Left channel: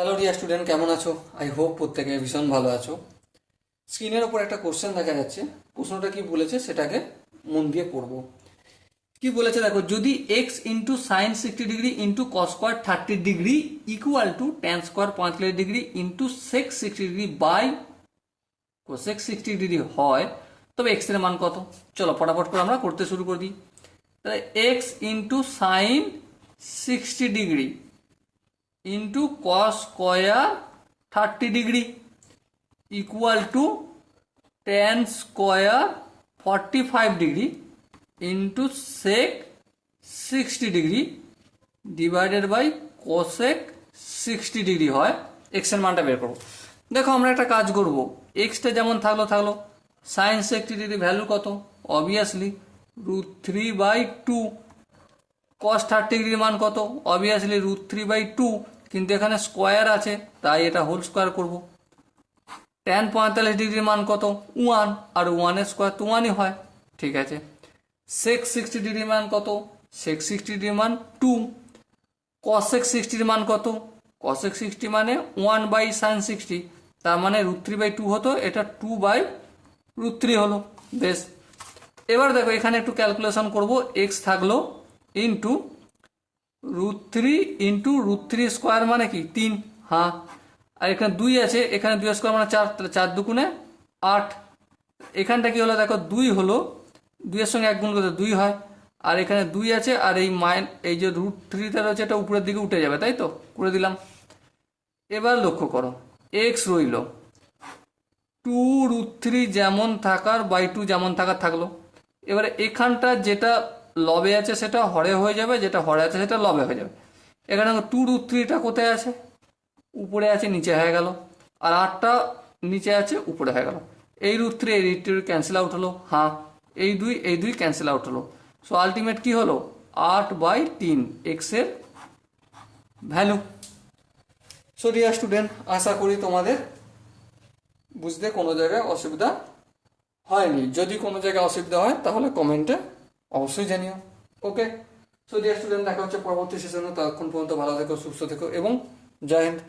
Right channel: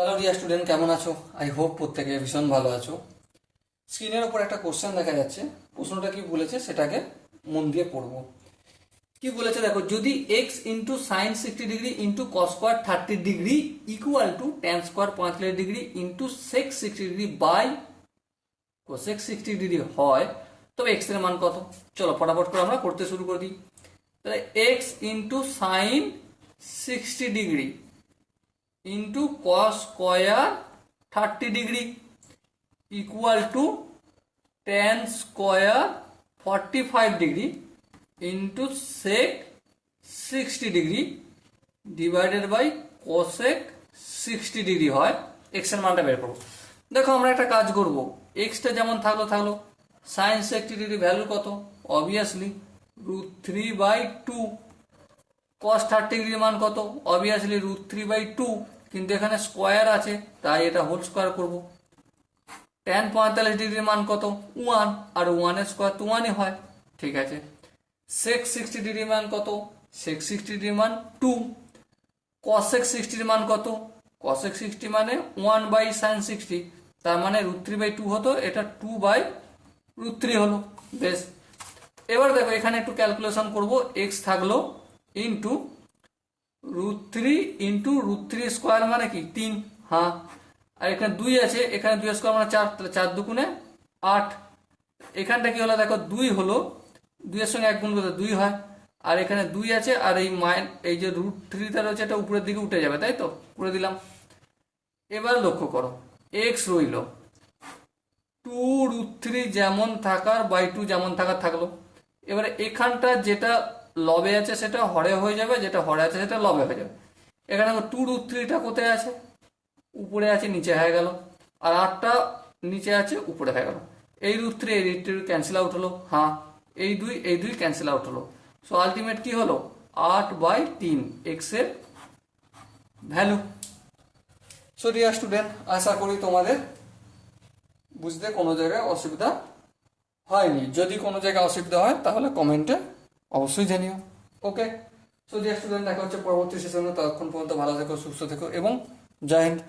Hello dear student, কেমন আছো? I hope প্রত্যেকে ভীষণ ভালো আছো। স্ক্রিনের ওপর একটা কোশ্চেন দেখা যাচ্ছে। প্রশ্নটা কি বলেছে সেটাকে মন দিয়ে পড়বো। কি বলেছে দেখো, যদি X into sine 60 degree into cos square 30 degree equal to tan square 45 degree into sec 60 degree by cosec 60 degree হয়, তবে এক্স এর মান কত? চলো ফটাফট করে আমরা করতে শুরু করে দিই। তাহলে X into sine 60 degree into cos square 30 degree equal to tan square 45 degree into sec 60 degree divided by cosec 60 degree হয়। এক্স এর মানটা বের করবো। দেখো আমরা একটা কাজ করব, এক্সটা যেমন থাকলো থাকলো, সাইন 60 ডিগ্রি ভ্যালু কত? অবভিয়াসলি √3/2। কস 30 ডিগ্রির মান কত? অবভিয়াসলি √3/2, কিন্তু এখানে স্কোয়ার আছে তাই এটা হোল স্কোয়ার করব। ট্যান 45 ডিগ্রির মান কত? 1, আর 1 এর স্কোয়ার তো 1ই হয়, ঠিক আছে। সেক 60 ডিগ্রির মান কত? সেক 60 ডিগ্রির মান 2। কসেক 60 মান কত? কসেক 60 মানে 1/sin 60, তার মানে √3/2 হতো, এটা 2/√3 হলো। বেশ, এবার দেখো এখানে একটু ক্যালকুলেশন করব। এক্স থাকলো ইন্টু √3 ইন্টু √3 স্কোয়ার মানে কি 3, হ্যাঁ। আর এখানে 2 আছে, এখানে 2 স্কোয়ার মানে 4, তাহলে 4 দুগুণে 8। এখানটা কি হলো দেখো, 2 হলো, 2 এর সঙ্গে 1 গুণ করতে 2 হয়, আর এখানে 2 আছে, আর এই যে √3 রয়েছে এটা উপরের দিকে উঠে যাবে, তাই তো করে দিলাম। এবার লক্ষ্য করো, এক্স রইল 2√3 যেমন থাকার বাই 2 যেমন থাকার থাকলো। এবারে এখানটা যেটা লবে আছে সেটা হরে হয়ে যাবে, যেটা হরে আছে সেটা লবে হয়ে যাবে। এখানে 2√3টা কোথায় আছে? উপরে আছে, নিচে হয়ে গেল, আর 8টা নিচে আছে, উপরে হয়ে গেল। এই √3 এই √3 ক্যান্সেল আউট হলো, হ্যাঁ। এই দুই ক্যান্সেল আউট হলো। সো আলটিমেট কি হলো? 8/3 এক্স এর ভ্যালু। সো ডিয়ার স্টুডেন্ট, আশা করি তোমাদের বুঝতে কোনো জায়গায় অসুবিধা হয়নি। যদি কোনো জায়গায় অসুবিধা হয় তাহলে কমেন্টে অবশ্যই জানিও। ওকে, সো ডিয়ার স্টুডেন্ট, দেখা হচ্ছে পরবর্তী সেশনে। ততক্ষণ পর্যন্ত ভালো থেকো, সুস্থ থেকো এবং জয় হিন্দ।